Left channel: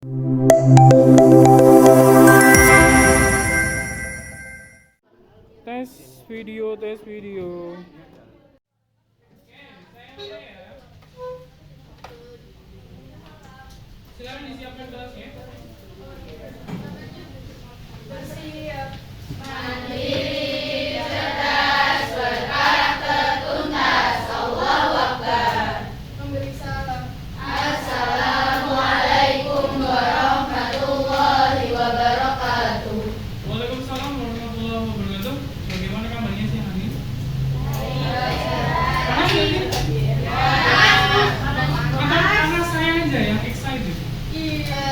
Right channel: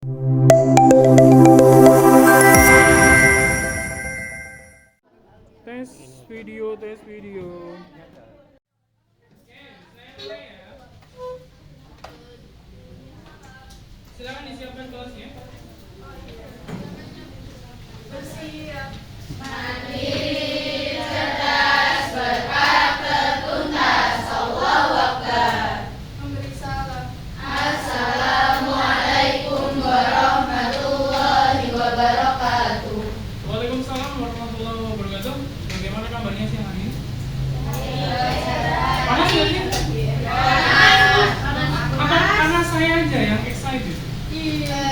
Tes video. Silakan disiapkan kelasnya. Bersiap. Mandiri, cerdas, berkarakter, tuntas. Allahu Akbar. Memberi salam. Assalamualaikum warahmatullahi wabarakatuh. Waalaikumsalam warahmatullahi wabarakatuh. Bagaimana kabarnya siang hari ini? Panas ya ini? Karena saya aja yang excited. Iya.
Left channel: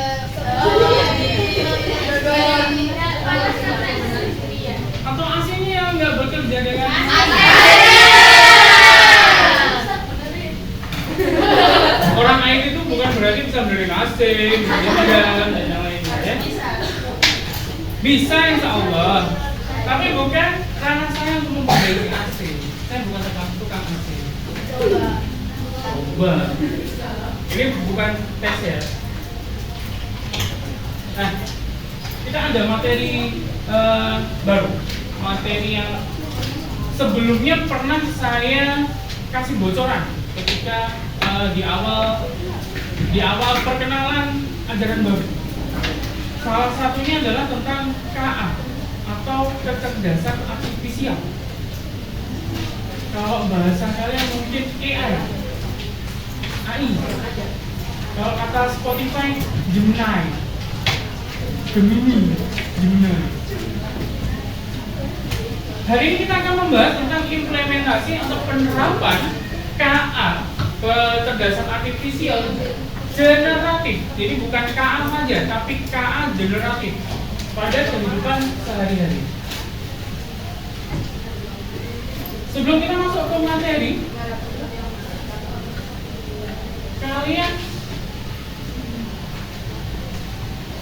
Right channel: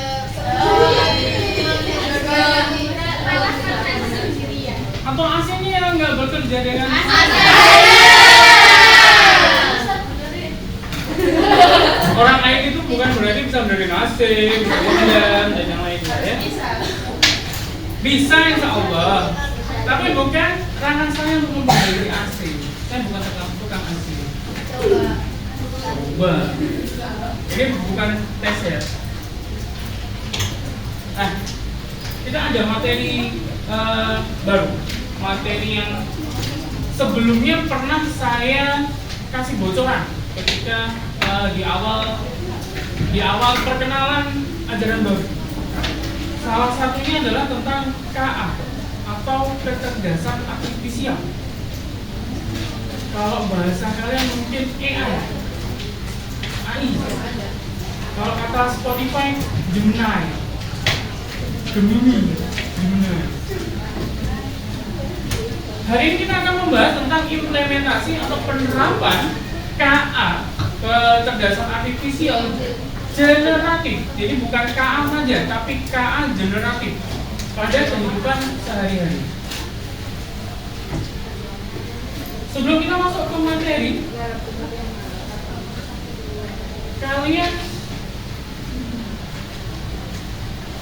Atau AC-nya yang nggak bekerja dengan orang IT itu bukan berarti bisa benerin AC, dan yang lainnya ya. Bisa insya Allah. Tapi bukan ranah saya untuk memperbaiki AC. Saya bukan tukang AC. Coba. Ini bukan tes ya. Nah, kita ada materi baru. Materi yang sebelumnya pernah saya kasih bocoran ketika di awal perkenalan ajaran baru. Salah satunya adalah tentang KA atau kecerdasan artifisial. Kalau bahasa kalian mungkin AI. Kalau kata Spotify, Gemini. Hari ini kita akan membahas tentang implementasi atau penerapan KA, kecerdasan artifisial generatif. Jadi bukan KA saja, tapi KA generatif pada kehidupan sehari-hari. Sebelum kita masuk ke materi, kalian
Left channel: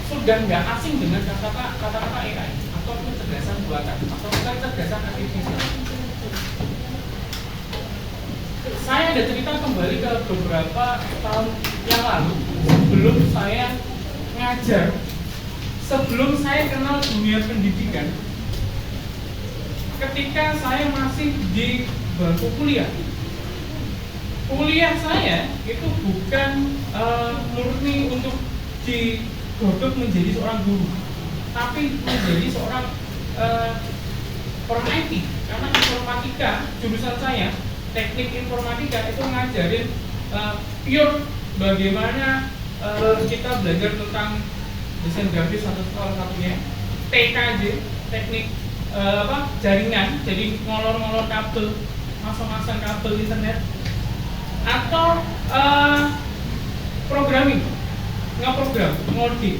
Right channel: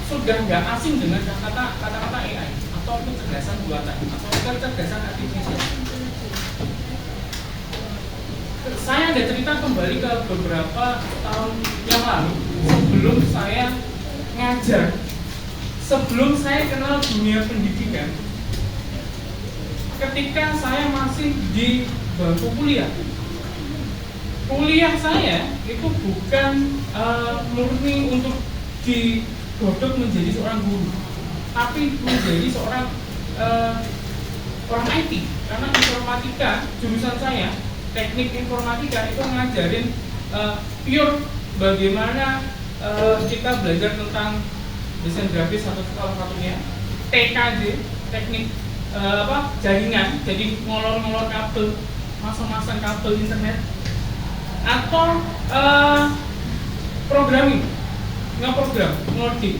sudah nggak asing dengan kata-kata AI atau kecerdasan buatan atau kecerdasan artifisial. Saya ada cerita kembali ke beberapa tahun yang lalu sebelum saya ngajar, sebelum saya kenal dunia pendidikan. Ketika saya masih di bangku kuliah saya itu bukan murni untuk digodok menjadi seorang guru, tapi menjadi seorang orang IT. Karena informatika, jurusan saya teknik informatika itu ngajarin pure bagaimana kita belajar tentang desain grafis atau salah satunya TKJ, teknik jaringan, jadi ngolor-ngolor kabel, masang-masang kabel internet, atau programming, ngeprogram, ngoding.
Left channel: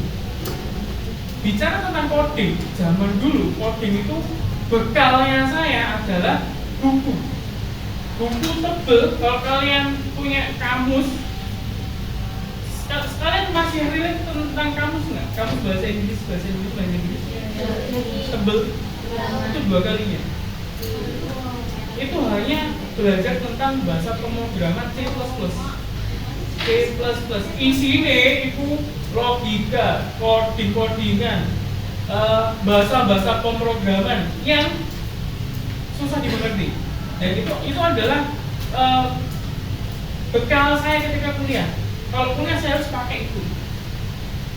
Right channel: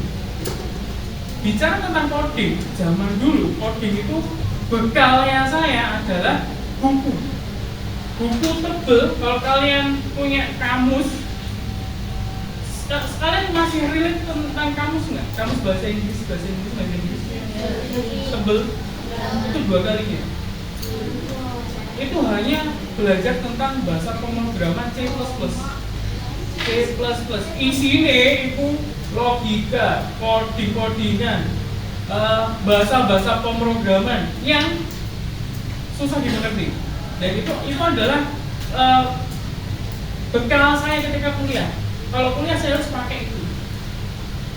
Bicara tentang coding, zaman dulu coding itu bekalnya saya adalah buku tebel. Kalau kalian punya kamus, kalian masih relate tentang kamus nggak? Kamus bahasa Inggris tebel itu 2 kalinya. Itu hanya belajar tentang bahasa pemrograman C++. Isinya itu logika, codingan, bahasa-bahasa pemrograman yang susah dimengerti. Dan itu adalah bekal saya ketika kuliah. Kalau kuliah saya harus pakai itu.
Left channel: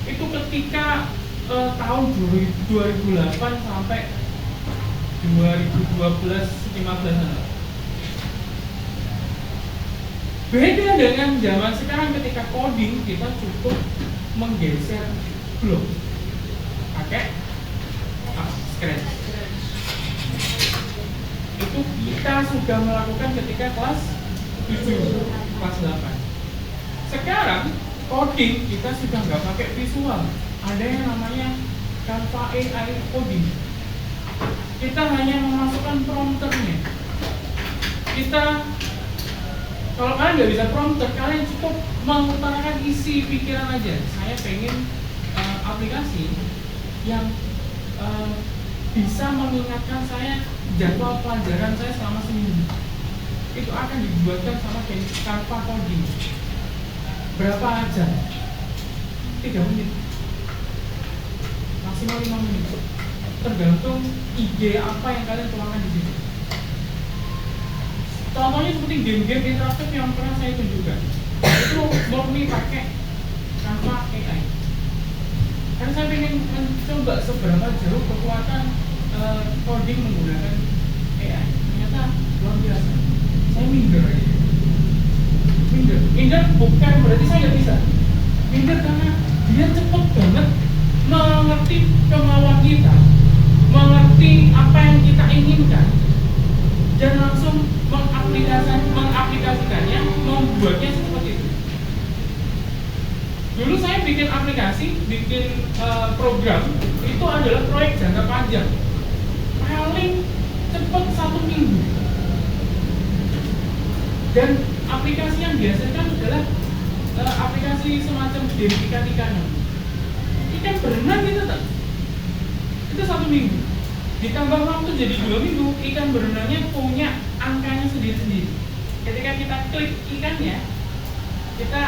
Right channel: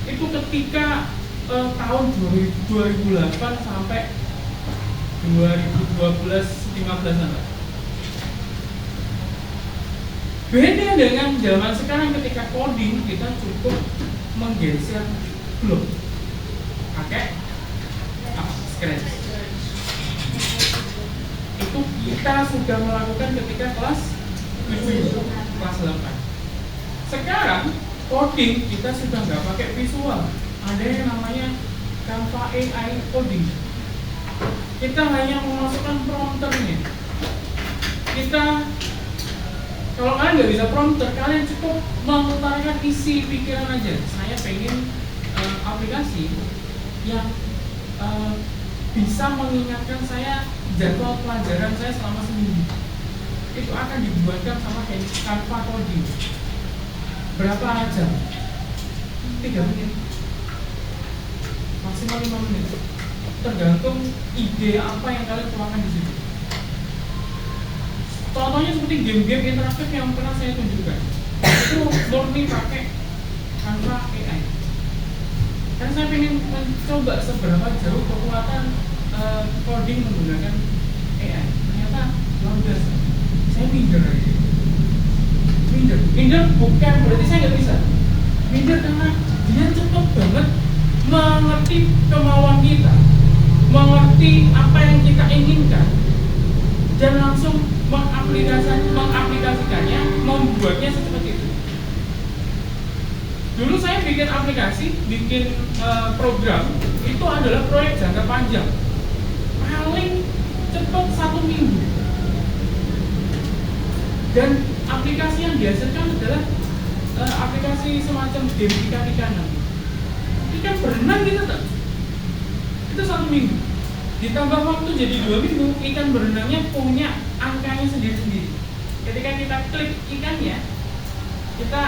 Itu ketika tahun 2008 sampai 2012-15. Beda dengan zaman sekarang, ketika coding kita cukup menggeser blok pakai Scratch. Itu kita sudah melakukan ketika kelas 7, kelas 8. Sekarang coding kita sudah nggak pakai visual, ada yang namanya Canva AI coding. Kita hanya memasukkan prompternya. Kalau kalian nggak bisa prompter, kalian cukup mengutarakan isi pikiran aja. Saya pengen aplikasi yang bisa mengingatkan saya jadwal pelajaran saya selama seminggu. Itu akan dibuatkan sama Canva coding. Berapa jam? 3 menit, maksimal 5 menit, tergantung ide apa yang kalian tuangkan di sini. Contohnya seperti game-game interaktif yang pernah saya tunjukkan, itu murni pakai tanpa AI. Karena saya ingin mencoba seberapa jauh kekuatan coding menggunakan AI. Ternyata luar biasa. Saya minder aja. Minder bukan berarti saya nggak bisa. Minder karena dia cepat banget mengerti kemauan kita, mengerti apa yang kita inginkan, dan langsung mengaplikasikannya, membuatnya seperti itu. Dulu saya bikin aplikasi, bikin program, itu adalah proyek jangka panjang, paling cepat 1 minggu. Dan aplikasi yang dihasilkan adalah aplikasi semacam game ikan-ikanan. Ikan berenang gitu tak? Itu 1 minggu. Ditambah waktu jadi 2 minggu, ikan berenangnya punya angkanya sendiri-sendiri. Ketika kita klik ikannya, kita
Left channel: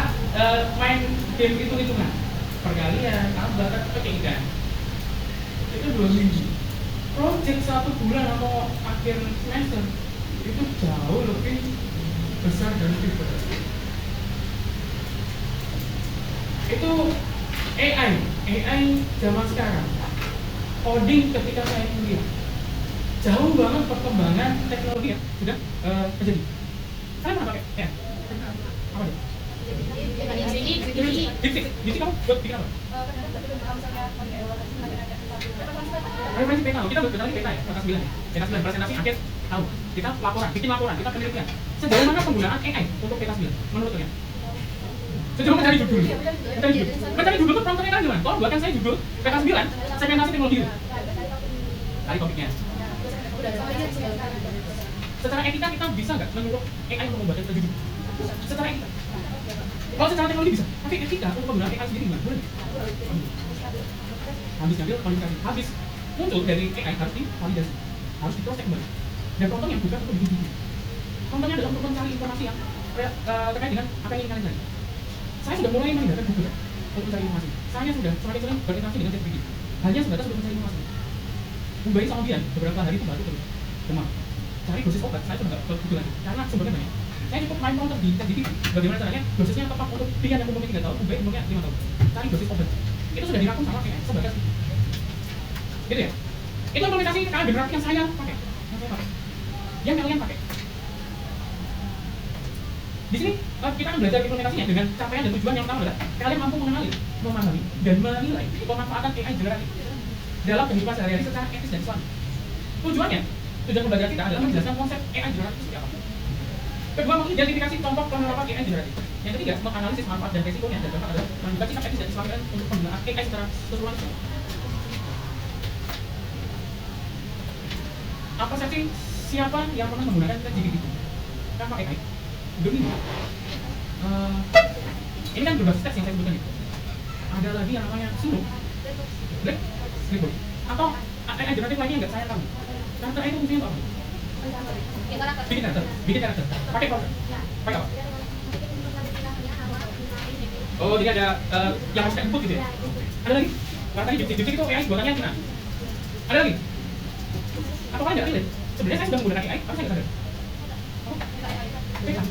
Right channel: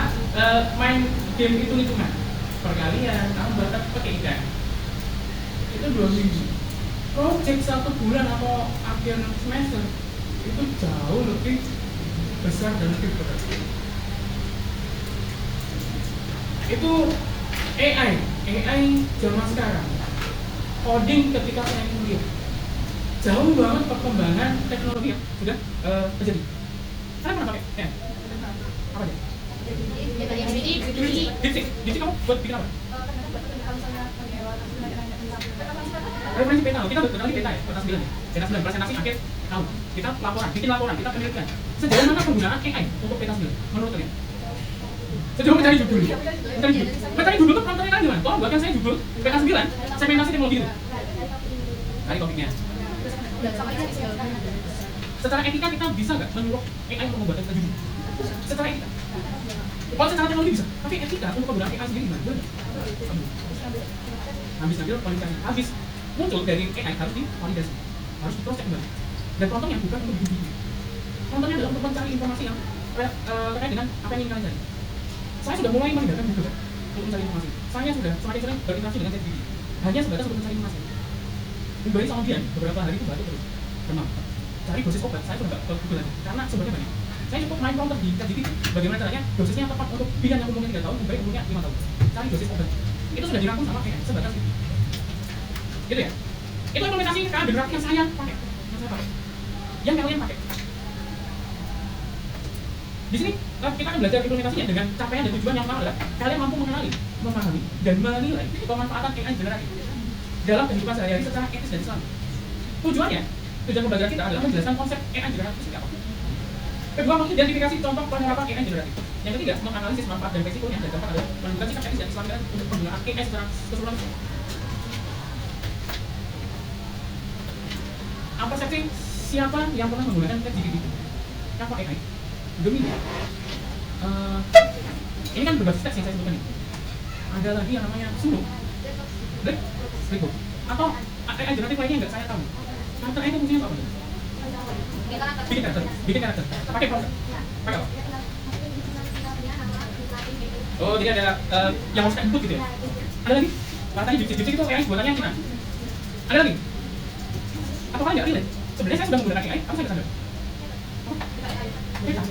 main game hitung-hitungan perkalian, tambah, pakai ikan. Itu 2 minggu. Project 1 bulan atau akhir semester itu jauh lebih besar dan lebih berat. Itu AI zaman sekarang. Coding ketika saya kuliah, jauh banget perkembangan teknologi yang sudah terjadi. Saya pernah pakai ya? Apa dia? Jadi kamu buat bikin apa? Prinsip peta, kita buat peta ya, peta 9 ya. Peta 9 presentasi akhir tahun. Kita bikin laporan, kita penelitian. Sejauh mana penggunaan AI untuk peta 9 menurut kalian? Sejauh mencari dulu. Mencari dulu tuh kontennya kan gimana? Tolong buatkan saya juga peta 9, segmentasi teknologi. Tadi topiknya. Secara etika kita bisa nggak menyuruh AI untuk membuat peta 7? Secara etika. Kalau secara teknologi bisa, tapi etika untuk penggunaan AI sendiri gimana? Habis ambil komunikasi, habis muncul dari AI harus divalidasi, harus diproses juga. Dan contohnya bukan untuk bikin video. Contohnya adalah untuk mencari informasi yang terkait dengan apa yang ingin kalian cari. Saya sudah mulai menggunakan Google untuk mencari informasi. Saya sudah semakin sering berinteraksi dengan ChatGPT. Hanya sebatas untuk mencari informasi. Kembali sama dia, beberapa hari itu baru terus. Memang cari dosis obat, saya sudah nggak begitu lagi. Karena sumbernya banyak. Saya cukup main counter di ChatGPT. Bagaimana caranya dosisnya yang tepat untuk pilihan yang umurnya 3 tahun, lebih baik umurnya 5 tahun. Cari dosis obat. Itu sudah dirangkum sama AI sebatas gitu ya. Itu implementasi kalian berarti yang saya pakai, yang kalian pakai. Di sini kita akan belajar implementasinya dengan capaian dan tujuan yang pertama adalah kalian mampu mengenali, memahami, dan menilai pemanfaatan AI generatif dalam kehidupan sehari-hari secara etis dan Islam. Tujuan pembelajaran kita adalah menjelaskan konsep AI generatif seperti apa. Kedua, mengidentifikasi contoh penerapan AI generatif. Yang ketiga, menganalisis manfaat dan resikonya, dan keempat adalah menentukan sikap etis dan Islamikan untuk penggunaan AI secara keseluruhan. Apa saja siapa yang pernah menggunakan ChatGPT? Apa AI? Gemini. Ini kan berbasis teks yang saya sebutkan ini. Ada lagi yang namanya Sulu, Black, Lego. Atau AI generatif lainnya nggak saya tahu. Karakter AI itu fungsinya apa? Bikin karakter. Pakai proses. Pakai apa? Oh, jadi ada yang harus input gitu ya? Ada lagi? Katanya Jupyter itu AI buatannya gimana? Ada lagi? Apa kalian nggak ada? Sebenarnya saya sudah menggunakan AI, apa saya nggak sadar? Beta.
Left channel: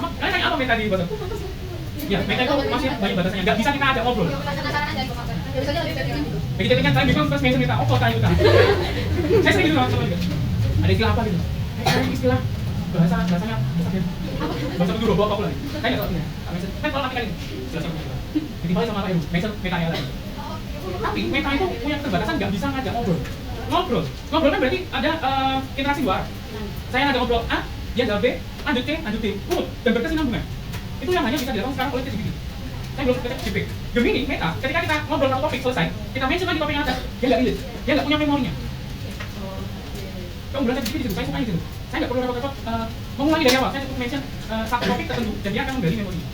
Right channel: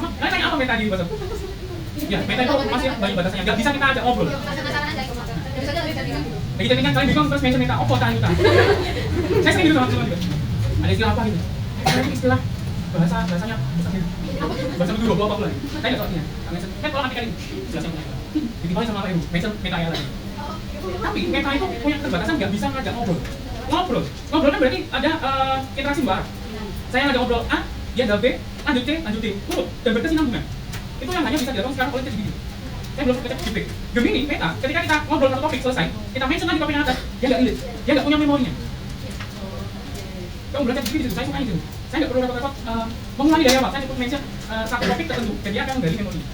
Kalian tanya apa beta di bahasa? Ya, beta itu masih banyak batasannya, nggak bisa kita ajak ngobrol. Jadi kan kalian bisa terus mention beta, apa tanya kita? Saya sering gitu sama teman-teman. Ada istilah apa gitu? Ini istilah bahasanya bahasa dulu bawa populer. Kayak gitu. Kan kalau nanti kali ini ditimbali sama apa itu? Mention beta ya lah. Tapi beta itu punya keterbatasan, nggak bisa ngajak ngobrol kan berarti ada interaksi dua arah. Saya ngajak ngobrol A, dia jawab B, lanjut C, urut dan berkesinambungan. Itu yang hanya bisa dilakukan sekarang oleh ChatGPT. Saya belum baca GP. Gemini, Meta, ketika kita ngobrol tentang topik selesai, kita mention lagi topik yang atas, dia nggak relate, dia nggak punya memorinya. Kamu belajar ChatGPT itu, saya suka ini. Saya nggak perlu repot-repot mengulangi dari awal. Saya cukup mention satu topik tertentu, dan dia akan menggali memorinya.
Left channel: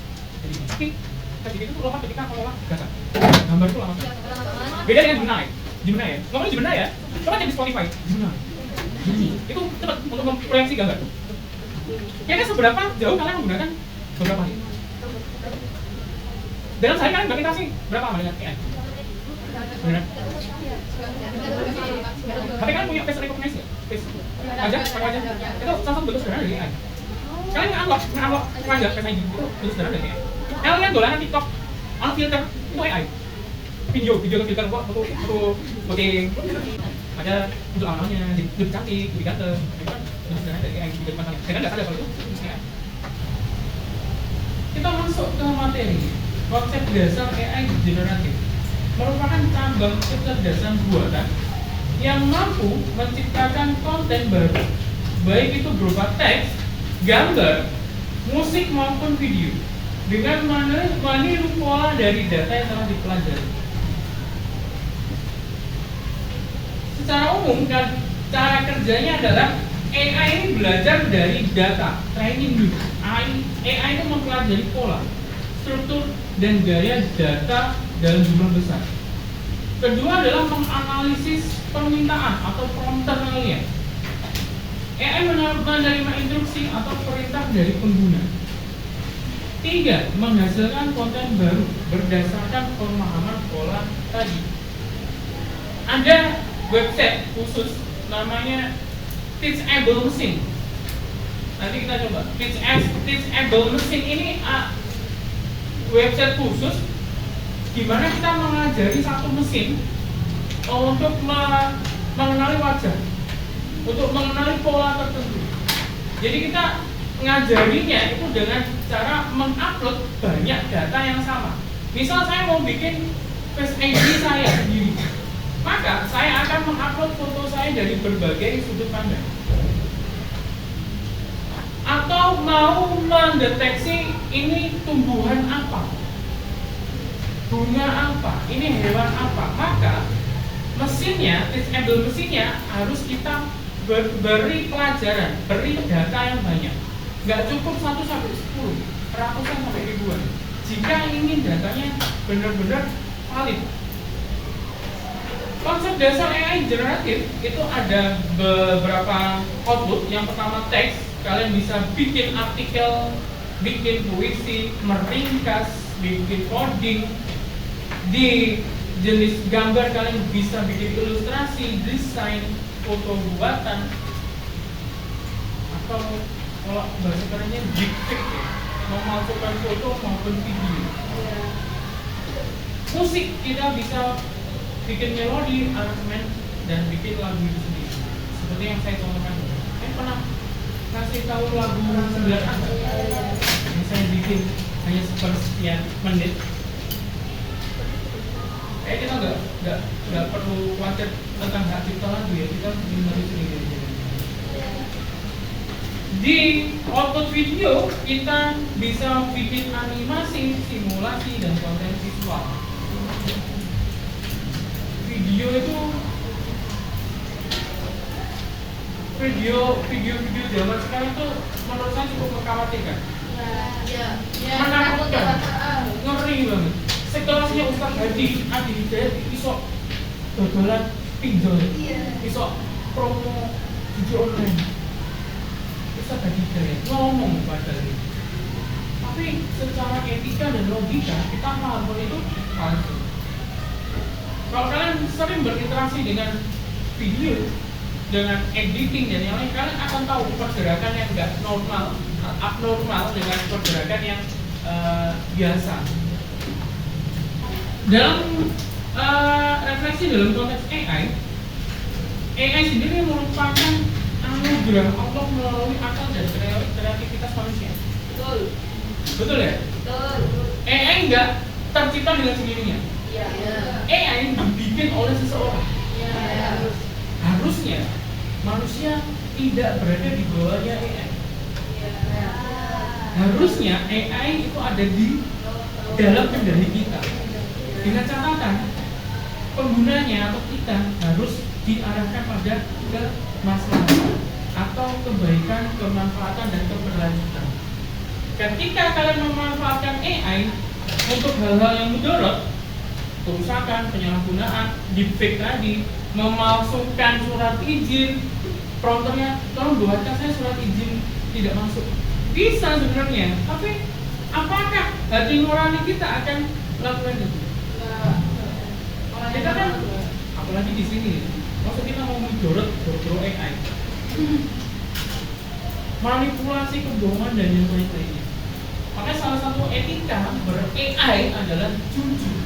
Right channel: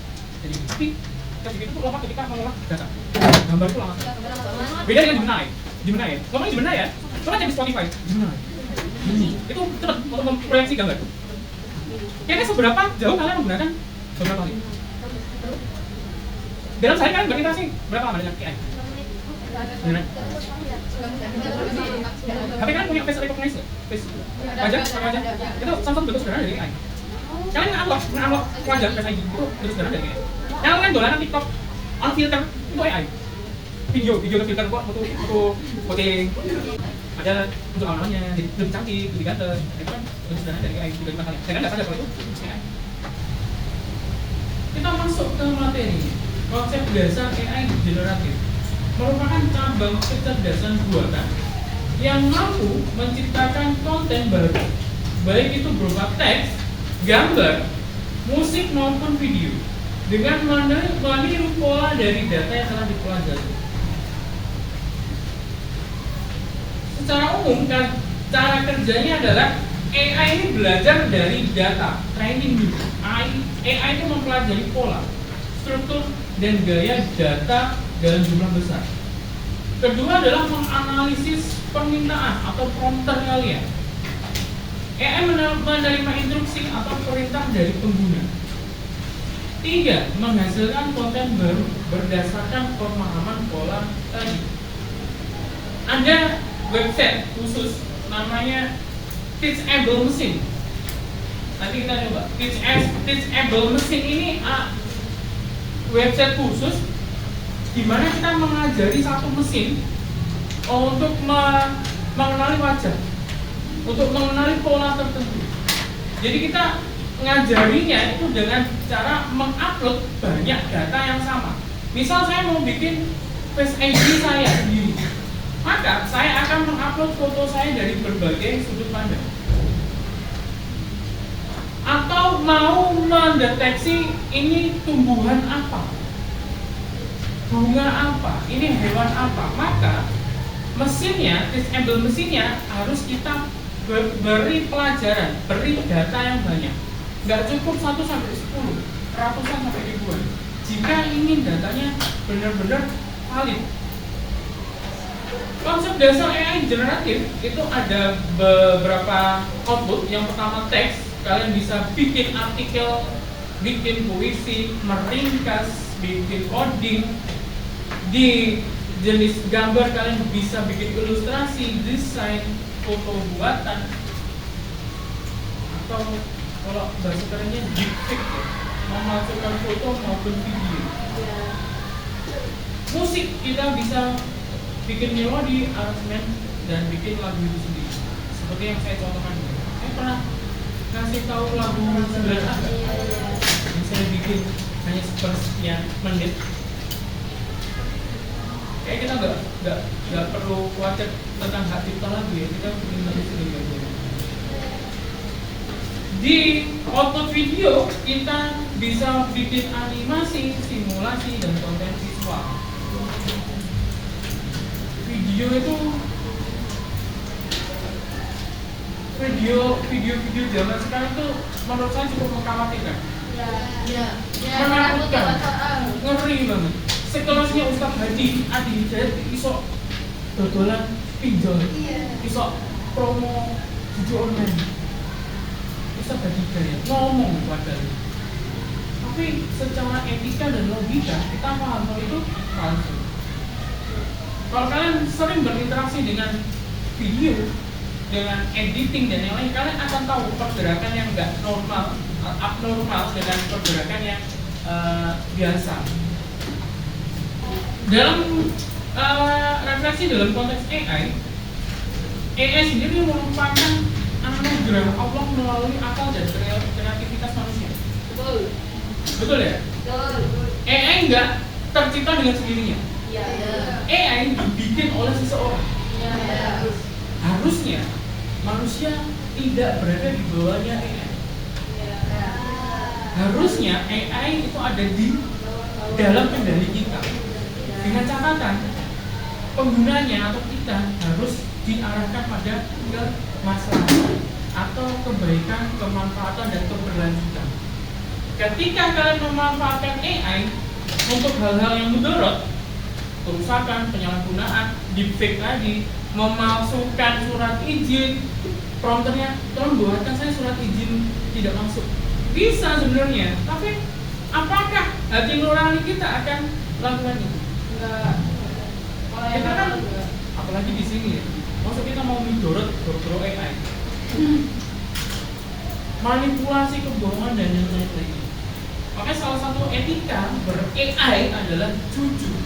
Tapi ChatGPT itu lompat ketika mengolah data. Gambar itu lama. Beda dengan Gemini ya. Ngomongin Gemini ya, orang yang di Spotify, Gemini. Itu tetap untuk memproyeksi gambar. Kayaknya seberapa jauh kalian menggunakan beberapa ini? Dalam sehari kan berinteraksi berapa lama dengan AI? Beneran? Tapi kan punya face recognition, face wajah, pakai wajah. Itu salah satu bentuk sederhana dari AI. Kalian nge-unlock wajah face ID itu sederhana dari AI. Yang kalian dolanan TikTok, on filter itu AI. Video filter kok untuk voting. Ada untuk awalnya lebih cantik, lebih ganteng. Itu kan bentuk sederhana dari AI. Jadi matang. Kalian nggak sadar kalau itu AI. Kita masuk ke materi. Konsep dasar AI generatif merupakan cabang kecerdasan buatan yang mampu menciptakan konten baru, baik itu berupa teks, gambar, musik maupun video, dengan meniru pola dari data yang telah dipelajari. Secara umum, cara kerjanya adalah AI ini belajar dari data, training dulu. AI itu mempelajari pola, struktur, dan gaya data dalam jumlah besar. Kedua adalah menganalisis permintaan atau prompter kalian. AI menerima instruksi atau perintah dari pengguna. Tiga, menghasilkan konten baru berdasarkan pemahaman pola tadi. Ada website khusus namanya Teachable Machine. Nanti kita coba. Teachable Machine ini website khusus di mana kita mengajari satu mesin untuk mengenali wajah, untuk mengenali pola tertentu. Jadi kita mengajarinya itu dengan cara mengupload banyak data yang sama. Misal saya mau bikin Face ID saya sendiri, maka saya akan mengupload foto saya dari berbagai sudut pandang. Atau mau mendeteksi ini tumbuhan apa, bunga apa, ini hewan apa, maka mesinnya, teachable mesinnya harus kita beri pelajaran, beri data yang banyak. Nggak cukup 1 sampai 10, ratusan sampai ribuan. Jika ingin datanya benar-benar valid. Konsep dasar AI generatif itu ada beberapa output. Yang pertama teks, kalian bisa bikin artikel, bikin puisi, meringkas, bikin coding. Di jenis gambar kalian bisa bikin ilustrasi, desain, foto buatan, atau kalau bahasa kerennya deepfake ya, memalsukan foto maupun video. Musik kita bisa bikin melodi, aransemen, dan bikin lagu itu sendiri. Seperti yang saya contohkan. Saya pernah kasih tahu lagu 9 yang saya bikin hanya sepersekian menit. Kayak kita nggak perlu khawatir tentang hak cipta lagu ya, kita bikin lagu sendiri aja. Di output video kita bisa bikin animasi, simulasi, dan konten visual. Video itu video zaman sekarang itu menurut saya cukup mengkhawatirkan. Menakutkan, ngeri banget. Sekelasnya Ustadz Hadi Hidayat iso dodolan pinjol, iso promo judi online. Ustadz Hadi Hidayat ngomong padahal. Tapi secara etika dan logika kita paham bahwa itu palsu. Kalau kalian sering berinteraksi dengan video, dengan editing dan yang lain, kalian akan tahu pergerakan yang nggak normal, abnormal dengan pergerakan yang biasa. Dalam refleksi dalam konteks AI sendiri merupakan anugerah Allah melalui akal dan kreativitas manusia. Betul ya? AI nggak tercipta dengan sendirinya. AI dibikin oleh seseorang. Harusnya manusia tidak berada di bawahnya AI. Harusnya AI itu ada di dalam kendali kita. Dengan catatan penggunanya atau kita harus diarahkan pada kemaslahatan atau kebaikan, kemanfaatan, dan keberlanjutan. Ketika kalian memanfaatkan AI untuk hal-hal yang mudarat, kerusakan, penyalahgunaan, deepfake tadi, memalsukan surat izin, prompternya tolong buatkan saya surat izin tidak masuk. Bisa sebenarnya, tapi apakah hati nurani kita akan lakukan itu? Kita kan apalagi di sini ya, maksud kita mau mendorong AI, manipulasi kebohongan dan yang lain-lainnya. Makanya salah satu etika ber-AI adalah jujur.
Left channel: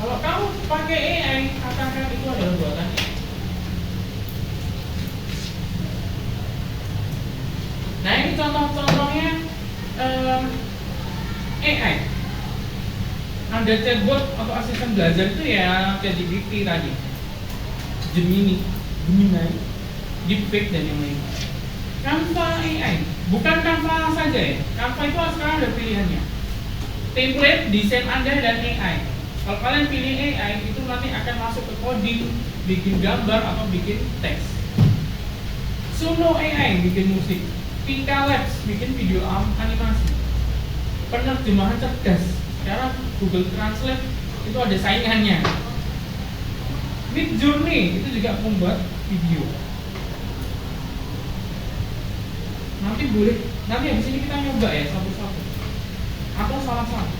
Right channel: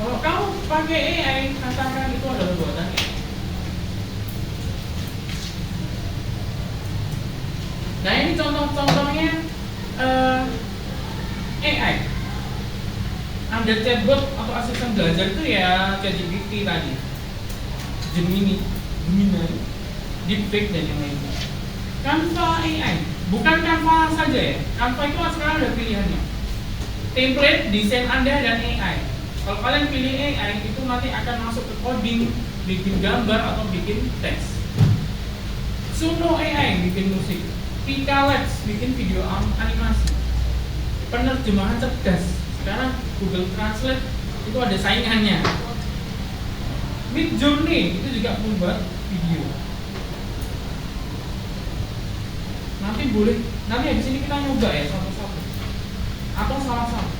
Kalau kamu pakai AI, katakan itu adalah buatan AI. Nah ini contoh-contohnya AI. Ada chatbot atau asisten belajar itu ya ChatGPT tadi, Gemini, Deepfake dan yang lainnya. Canva AI, bukan Canva saja ya. Canva itu sekarang ada pilihannya. Template, desain Anda dan AI. Kalau kalian pilih AI itu nanti akan masuk ke coding, bikin gambar atau bikin teks. Suno AI bikin musik. Pika Labs bikin video animasi. Penerjemahan cerdas. Sekarang Google Translate itu ada saingannya. Midjourney itu juga membuat video. Nanti habis ini kita nyoba ya satu-satu atau salah-salah.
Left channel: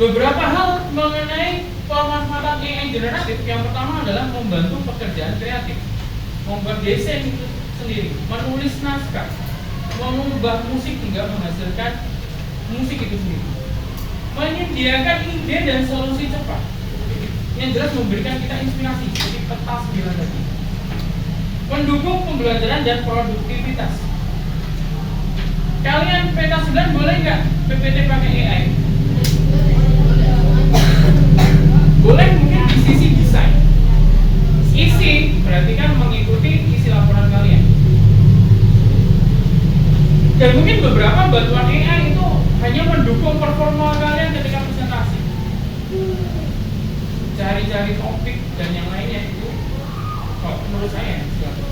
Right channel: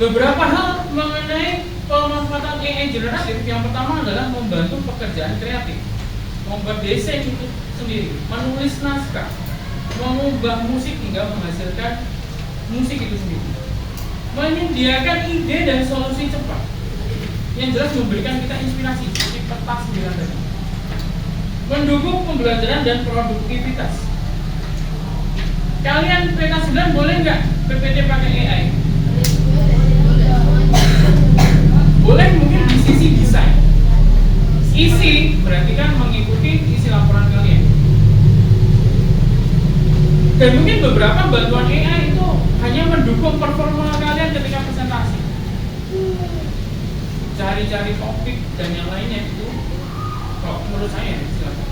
Beberapa hal mengenai pemanfaatan AI generatif. Yang pertama adalah membantu pekerjaan kreatif, membuat desain itu sendiri, menulis naskah, mengubah musik hingga menghasilkan musik itu sendiri, menyediakan ide dan solusi cepat, yang jelas memberikan kita inspirasi seperti peta 9 tadi, mendukung pembelajaran dan produktivitas. Kalian peta 9 boleh nggak PPT pakai AI? Boleh, mungkin di sisi desain. Isi berarti kan mengikuti isi laporan kalian. Dan mungkin beberapa bantuan AI itu hanya mendukung performa kalian ketika presentasi. Cari-cari topik dan yang lainnya itu, kalau menurut saya, silakan.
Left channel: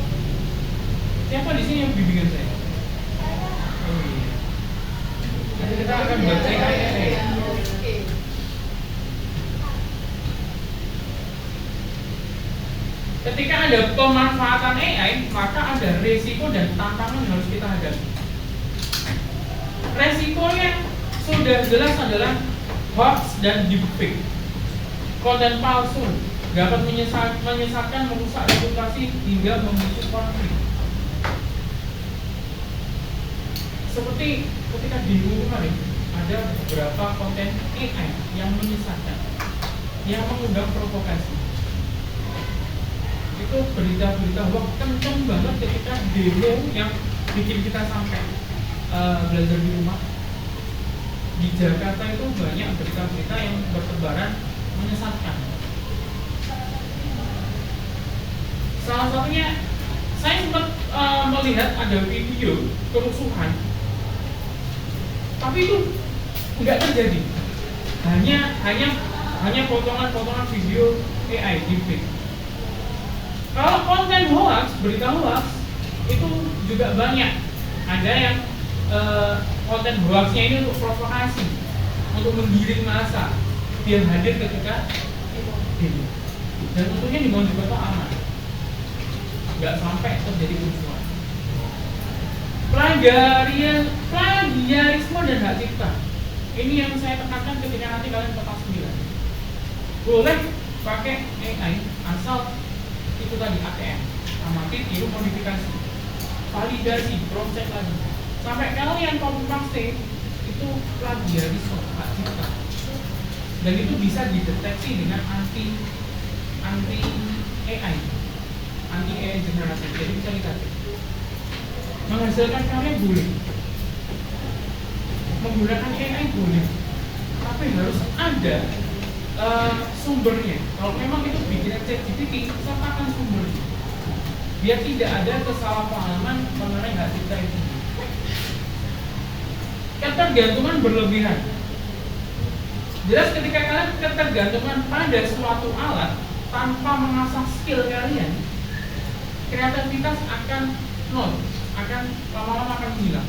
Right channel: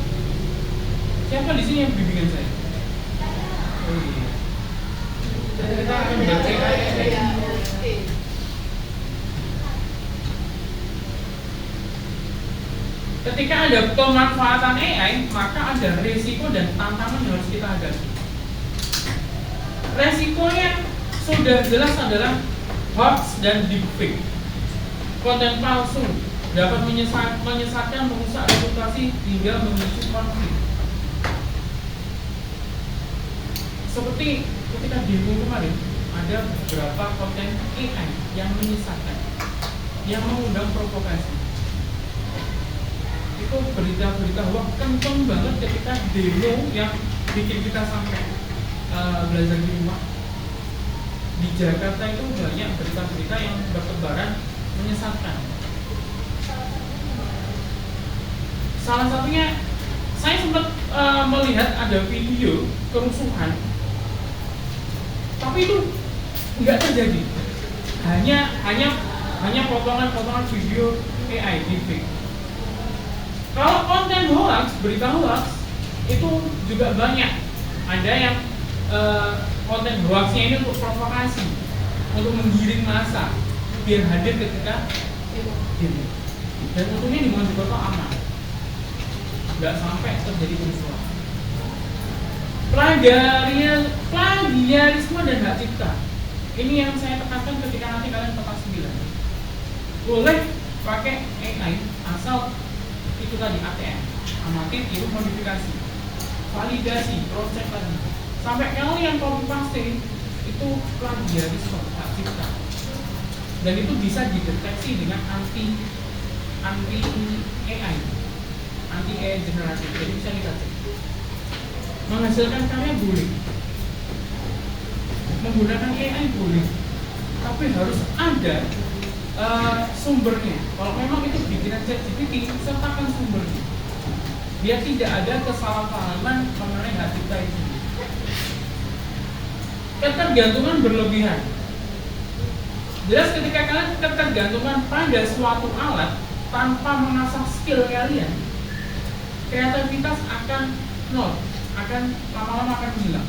Siapa di sini yang bimbingan saya? Oh iya. Kita akan baca AI. Ketika ada pemanfaatan AI, maka ada resiko dan tantangan yang harus kita hadapi. Resikonya sudah jelas adalah hoax dan deepfake. Konten palsu dapat menyesatkan, merusak reputasi hingga memicu konflik. Seperti ketika di kemarin ada beberapa konten AI yang menyesatkan, yang mengundang provokasi. Itu berita-berita hoax kenceng banget ketika demo yang bikin kita sampai belajar di rumah. Di Jakarta itu banyak berita-berita yang bertebaran menyesatkan. Salah satunya saya sempat melihat ada video kerusuhan, tapi itu nggak terjadi. Hanya potongan-potongan video AI deepfake. Kalau konten hoax, berita hoax itu juga banyak. Ada yang konten hoaxnya ini untuk provokasi, untuk menggiring massa biar hadir ketika ini. Dan tentunya di Mojokerto aman, nggak sampai terjadi kerusuhan. Plagiarisme dan hak cipta. Ini yang saya tekankan ketika nanti kalian peta 9. Boleh pakai AI asal itu tadi ATM, amati, tiru, modifikasi, validasi, proses lagi. Sampai kalian copy paste itu plagiarisme hak cipta. Dan itu bisa dideteksi dengan anti AI, anti AI generatif. Jadi bisa lihat. Menghasilkan karya boleh, menggunakan AI boleh, tapi harus ada sumbernya. Kalau memang itu bikinan ChatGPT, sertakan sumbernya, biar tidak ada kesalahpahaman mengenai hak cipta itu. Ketergantungan berlebihan. Jelas ketika kalian ketergantungan pada suatu alat tanpa mengasah skill kalian, kreativitas akan nol, akan lama-lama akan hilang.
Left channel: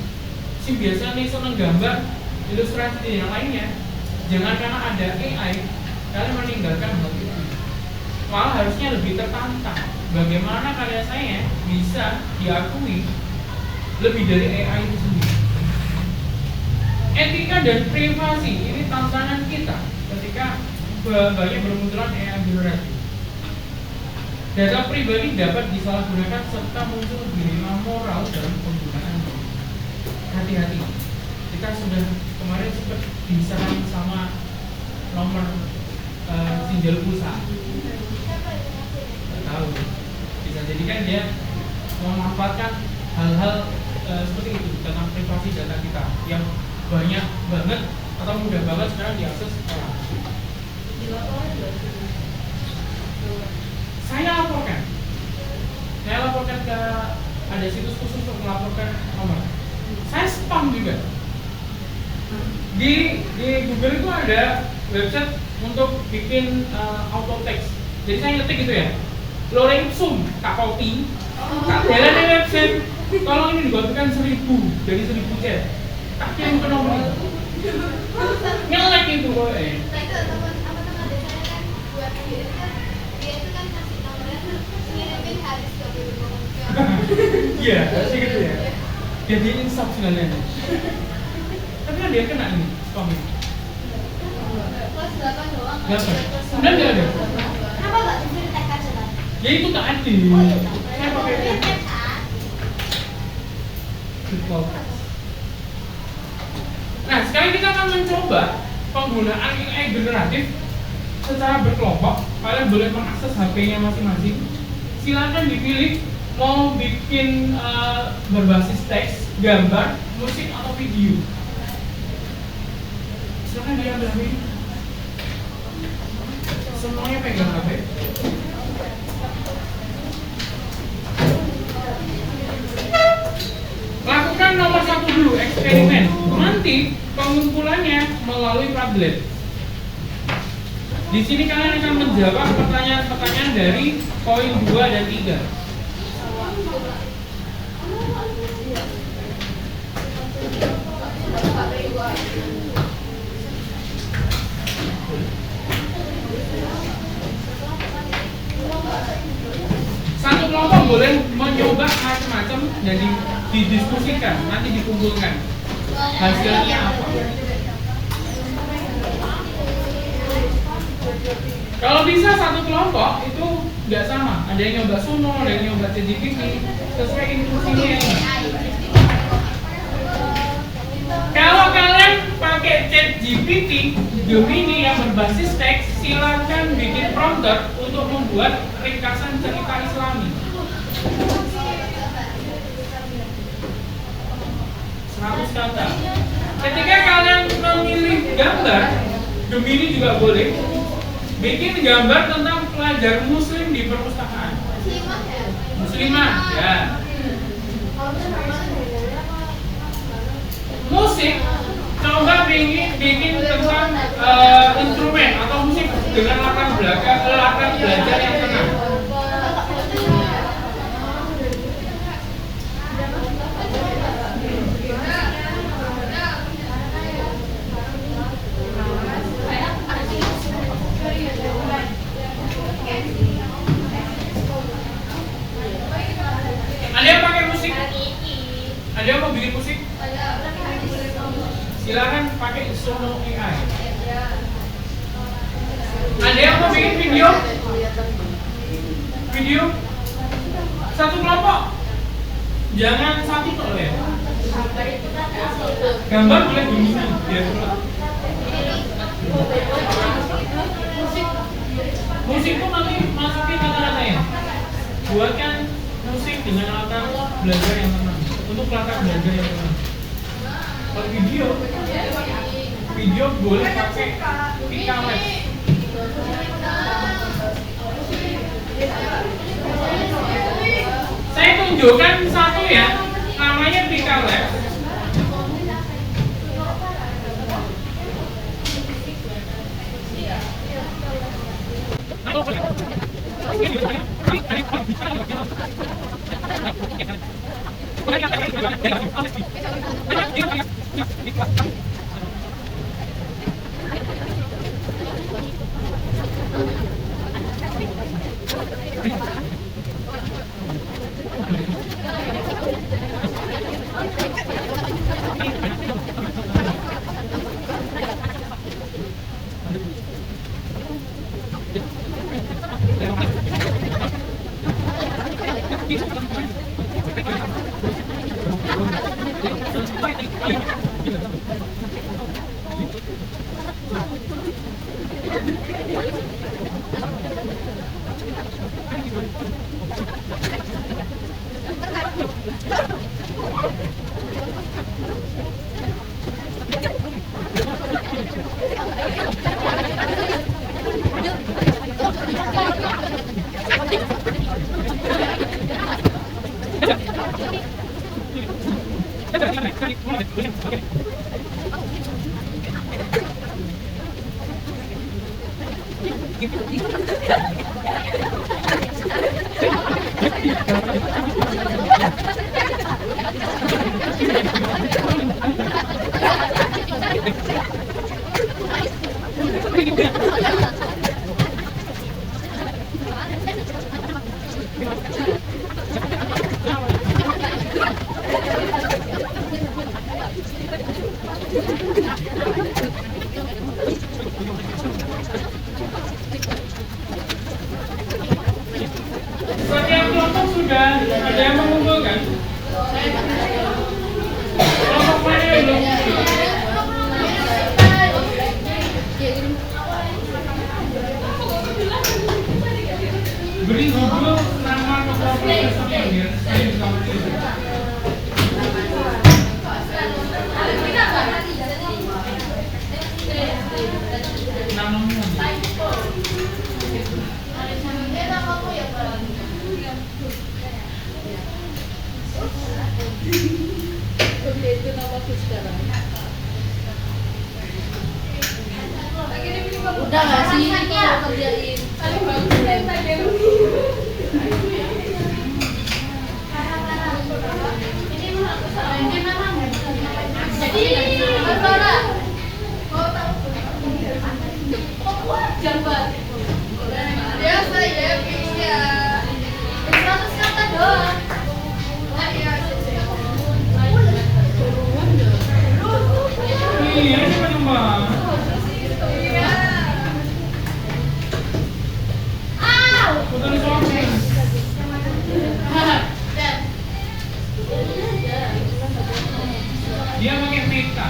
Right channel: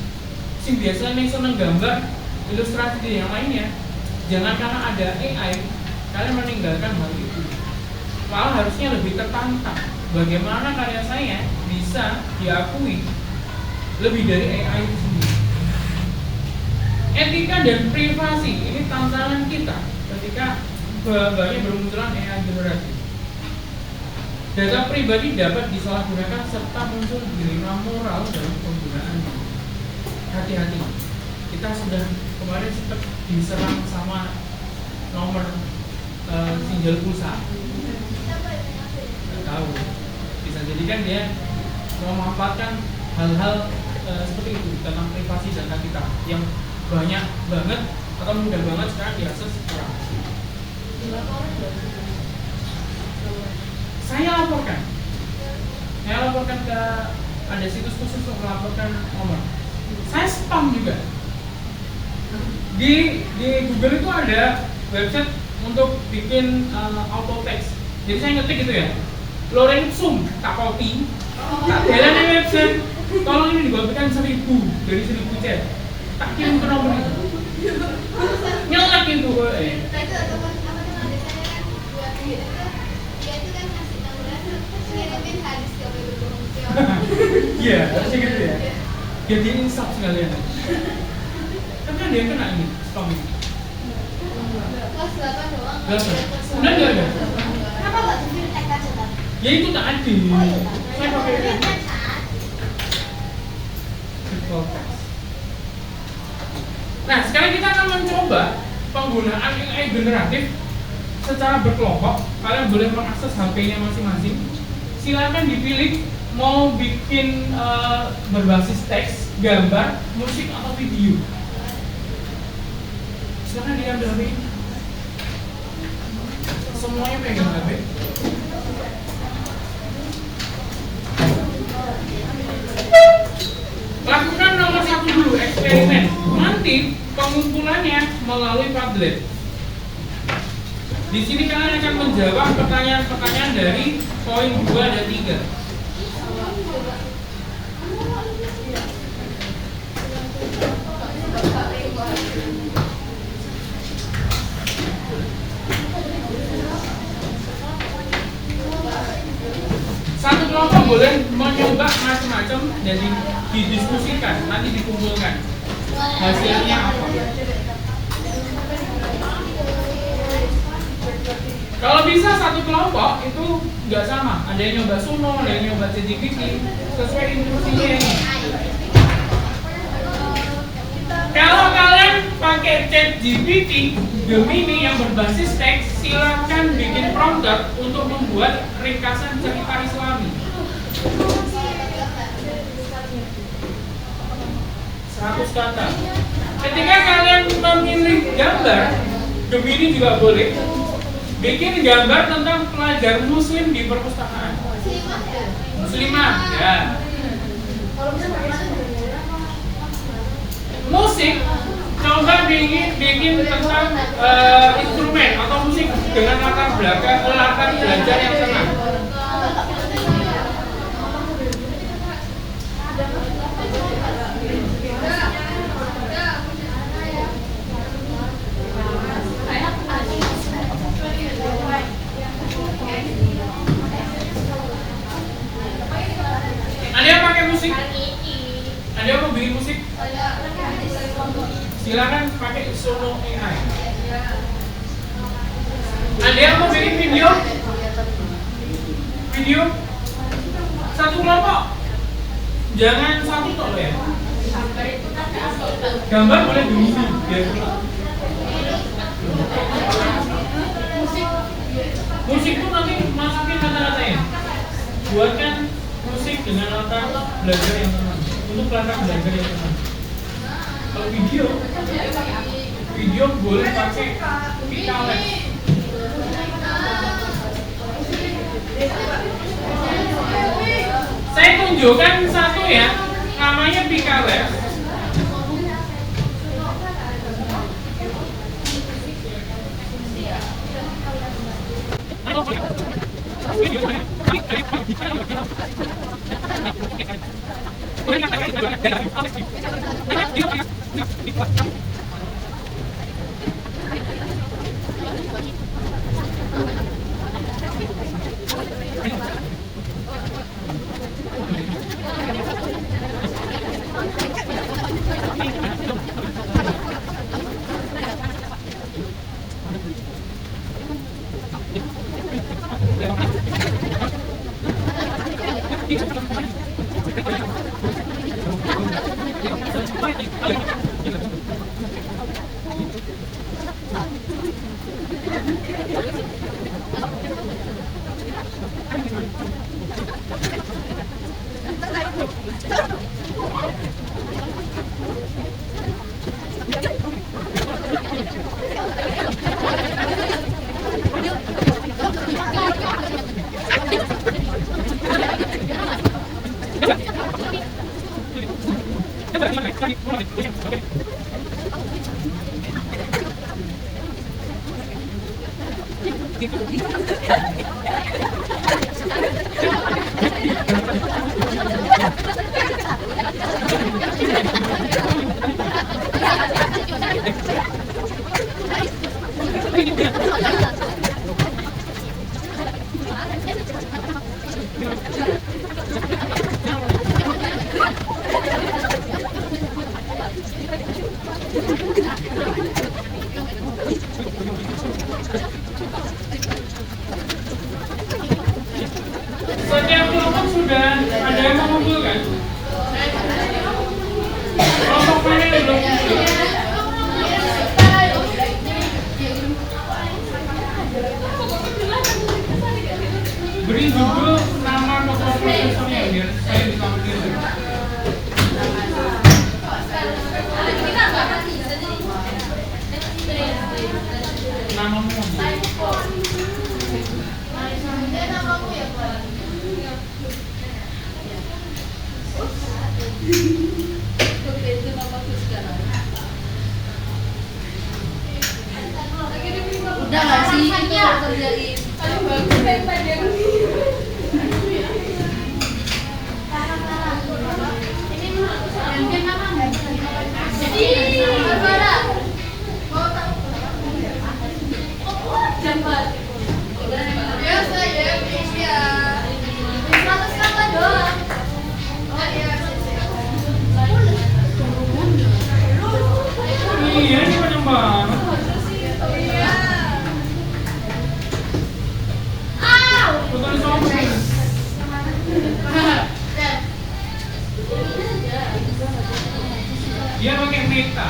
Si biasanya nih seneng gambar, ilustrasi dan yang lainnya, jangan karena ada AI kalian meninggalkan hal itu. Malah harusnya lebih tertantang. Bagaimana karya saya bisa diakui lebih dari AI itu sendiri. Etika dan privasi ini tantangan kita ketika banyak bermunculan AI generatif. Data pribadi dapat disalahgunakan serta muncul dilema moral dalam penggunaannya. Hati-hati. Kita sudah kemarin sempat diserang sama nomor sinjal pulsa. Tidak tahu. Bisa jadi kan dia memanfaatkan hal-hal seperti itu tentang privasi data kita yang banyak banget atau mudah banget sekarang diakses orang. Saya laporkan ke ada situs khusus untuk melaporkan nomor. Saya spam juga. Di Google itu ada website untuk bikin auto text. Jadi saya ngetik gitu ya, Lorenzum Kapolti, tak jalan di website. Tolong ini dibagikan 1000 dari 1000 chat. Tak kirim ke nomor itu. Nyelek itu kok. Iya, harusnya gitu ya. Jadi insaf sekalian. Tapi kan dia kena ini, spam ini. Kelas 8 doang. 8. Udah nggak ada? Kenapa nggak di tag aja, Pak? Ya itu tak ada. Saya pakai ini. Nah, sekarang kita akan mencoba penggunaan AI generatif secara berkelompok. Kalian boleh mengakses HP-nya masing-masing. Silakan dipilih mau bikin berbasis teks, gambar, musik atau video. Silakan diambil HP. Semuanya pegang HP. Lakukan nomor 1 dulu, eksperimen. Nanti pengumpulannya melalui Padlet. Di sini kalian akan menjawab pertanyaan-pertanyaan dari poin 2 dan 3. Satu kelompok boleh mencoba macam-macam dan didiskusikan, nanti dikumpulkan hasilnya apa. Kalau bisa satu kelompok itu nggak sama, ada yang nyoba Suno, ada yang nyoba ChatGPT, sesuai instruksinya ini. Kalau kalian pakai ChatGPT Gemini yang berbasis teks, silakan bikin prompter untuk membuat ringkasan cerita Islami. 100 kata. Ketika kalian memilih gambar, Gemini juga boleh bikin gambar tentang pelajar muslim di perpustakaan. Muslimah, ya. Musik, coba bikin tentang instrumen atau musik dengan latar belajar yang senang. Ada yang pakai musik? Ada yang mau bikin musik? Silakan pakai Suno AI. Ada yang mau bikin video? Video? Satu kelompok? Jangan satu toh ya. Gambar boleh dulu. Musik tuh nanti masukin kata-katanya. Buatkan musik dengan latar belajar yang tenang. Untuk latar belajar yang tenang. Kalau video boleh pakai Picales. Saya tunjukkan satu ya, namanya Picales. Setiap kelompok sudah ada yang mengumpulkan. Kelompok mana yang belum? Beri judul nama ke kelompok tersebut biar saya bisa pilih. Namamu. Oke, itu namaku sekarang. Udah nggak sih itu mau kerjain? Jadi berapa? Jambat. Biasa ya, bisa. 100 kata doang. Iya, ini panjang banget. Putus sombong. Dia pakai meta.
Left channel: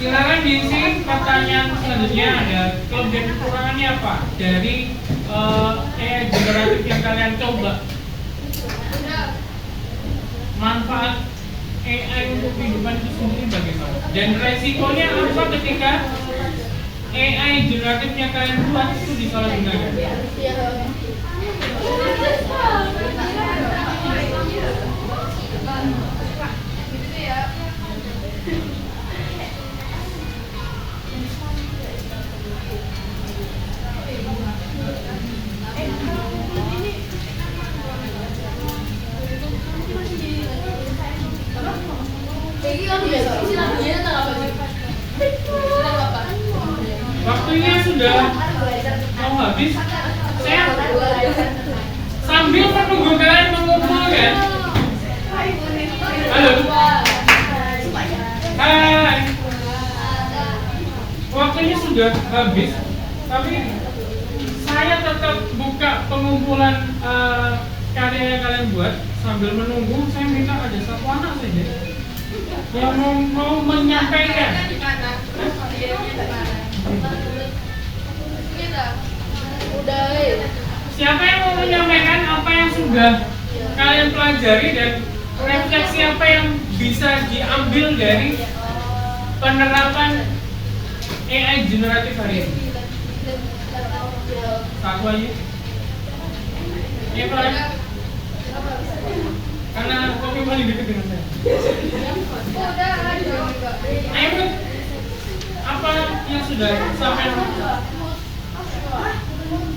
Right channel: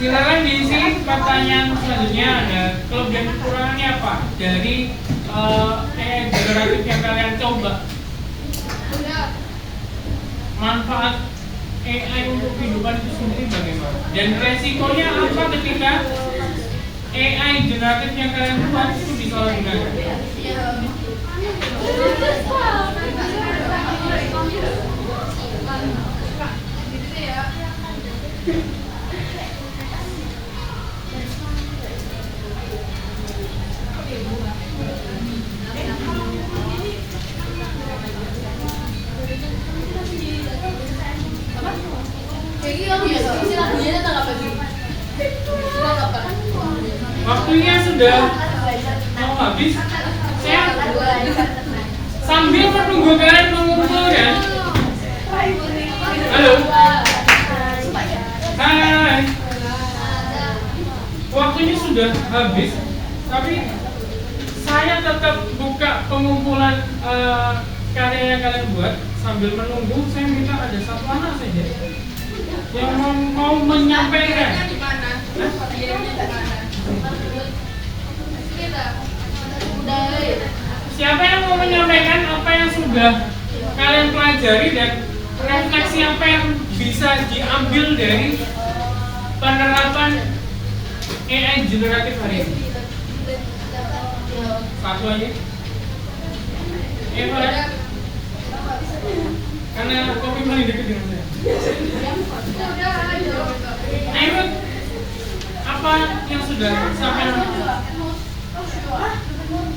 Silakan diisi pertanyaan selanjutnya. Ada kelebihan kekurangannya apa dari generatif yang kalian coba? Manfaat AI untuk kehidupan itu sendiri bagaimana? Dan resikonya apa ketika AI generatif yang kalian buat itu disalahgunakan? Waktunya sudah mau habis. Saya sambil menunggu kalian mengumpulkan. Halo. Hai. Waktunya sudah habis, tapi saya tetap buka pengumpulan karya yang kalian buat sambil menunggu. Saya minta ada satu anak saja yang mau menyampaikan. Siapa yang mau menyampaikan apa yang sudah kalian pelajari dan refleksi apa yang bisa diambil dari penerapan AI generatif hari ini? Satu aja. Pak. Karena kopi paling dekat dengan saya. Ayo, apa yang sudah sampai?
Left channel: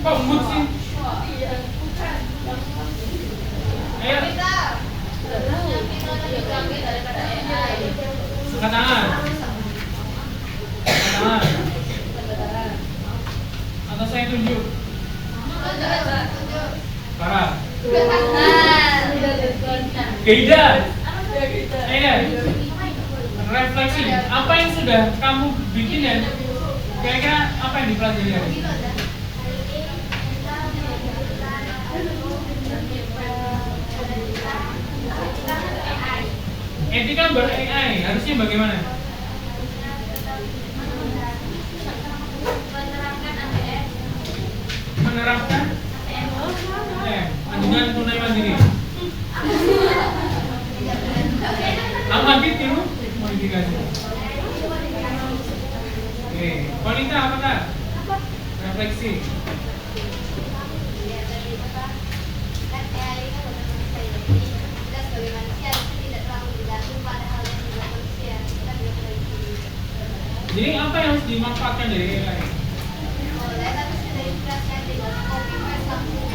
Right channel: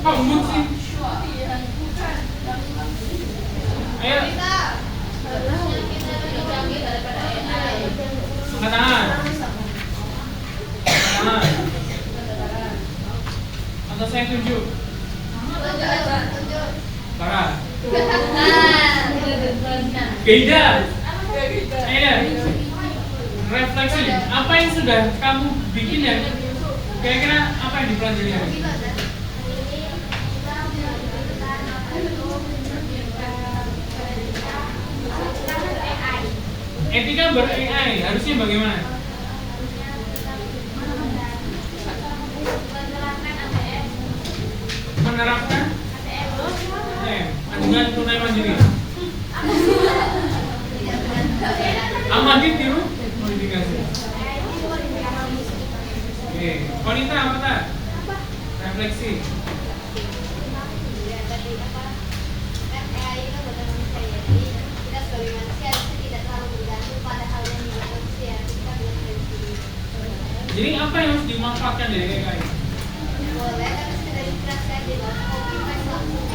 Kok mood sih? Ayo. Katakan. Atau saya tunjuk? Parah. Gaidan. Ayo. Refleksi. Apa yang sudah kamu bikin ya? Kira-kira apa yang dipelajari hari ini? Etika ber-AI harusnya bagaimana? Menerapkan Oke, wanita apa kak? Refleksi. Ya, tadi apa? Kan AI itu bukan manusia ya. Jadi kita sebagai manusia harusnya tidak terlalu bergantung pada hal yang dibuat manusia. Kita belum dari dulu. Jadi apa yang harus dimanfaatkan dari AI? Boleh, tapi sudah inspirasi aja. Copy paste langsung.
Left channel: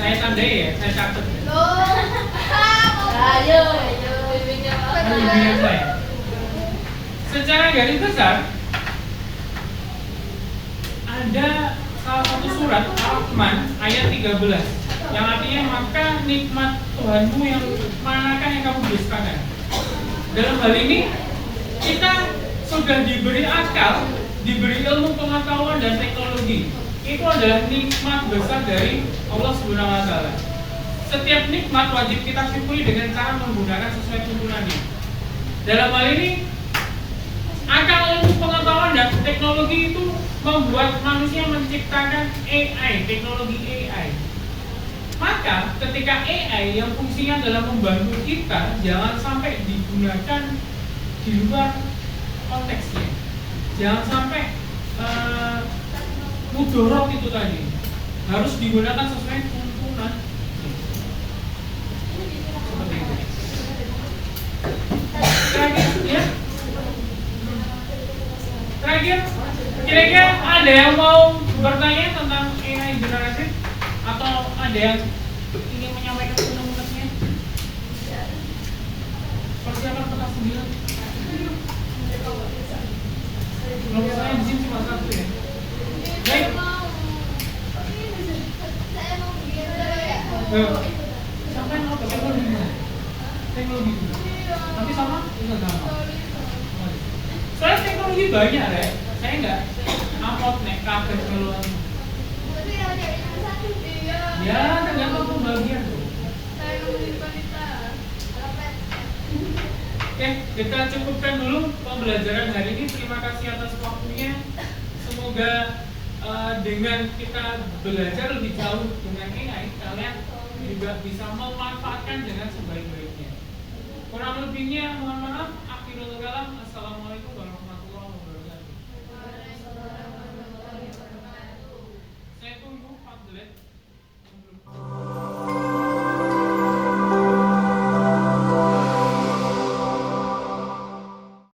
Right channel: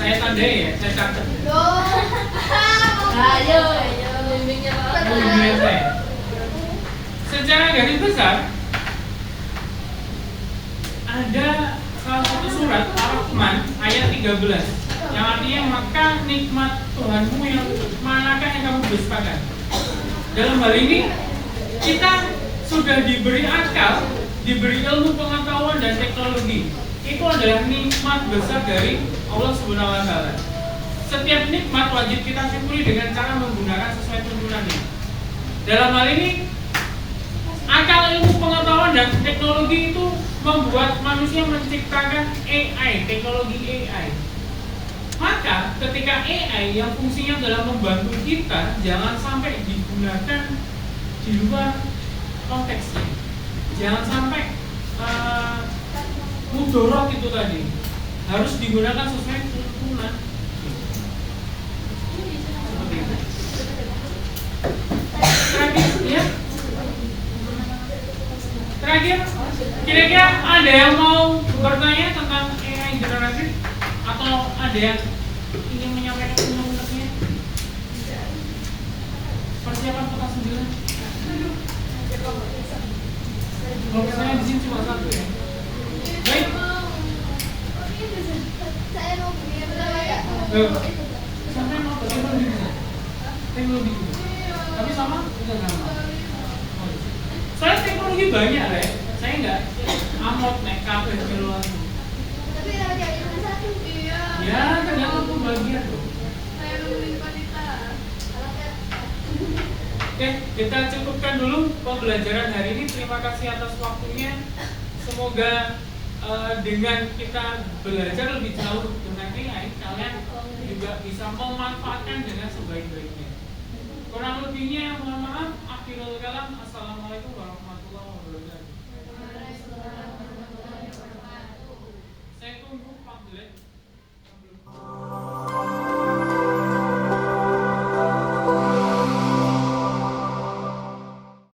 Saya tandai ya, saya catat. Loh. Ayo, bimbingnya Kan bimbingan saya. Secara garis besar ada salah satu surat Ar-Rahman ayat 13 yang artinya maka nikmat Tuhanmu yang manakah yang kamu dustakan. Dalam hal ini kita sudah diberi akal, diberi ilmu pengetahuan dan teknologi. Itu adalah nikmat besar dari Allah Subhanahu wa taala. Setiap nikmat wajib kita syukuri dengan cara menggunakan sesuai tuntunannya. Dalam hal ini akal, ilmu pengetahuan dan teknologi itu membuat manusia menciptakan AI, teknologi AI. Maka ketika AI yang fungsinya adalah membantu kita, jangan sampai digunakan di luar konteksnya. Jangan sampai mudorot itu tadi. Harus digunakan sesuai tuntunan. Seperti itu. Terakhir, ya. Terakhir, kira-kira ada yang mau bertanya tentang AI generatif atau ada yang ingin menyampaikan unek-uneknya? Persiapan petas 9. Kalau saya di sini cuma satu ya. Baik. Saya mau bikin ya. Sampai mau teknologi juga. Teknologi juga. Tapi sama? Enggak sama. Saya teknologi banyak ya. Saya enggak amot naik kafe keluar. Tapi kenapa jadi cuma satu? Iya. Ya, tergantung pembagian tuh. Saya nungguin kualitas. Oke, kita cukupkan dulu pembelajaran hari ini. Terima kasih atas waktunya. Semoga dengan kita belajar lebih jauh dengan AI, kalian juga bisa memanfaatkan dengan sebaik-baiknya. Kurang lebihnya mohon maaf.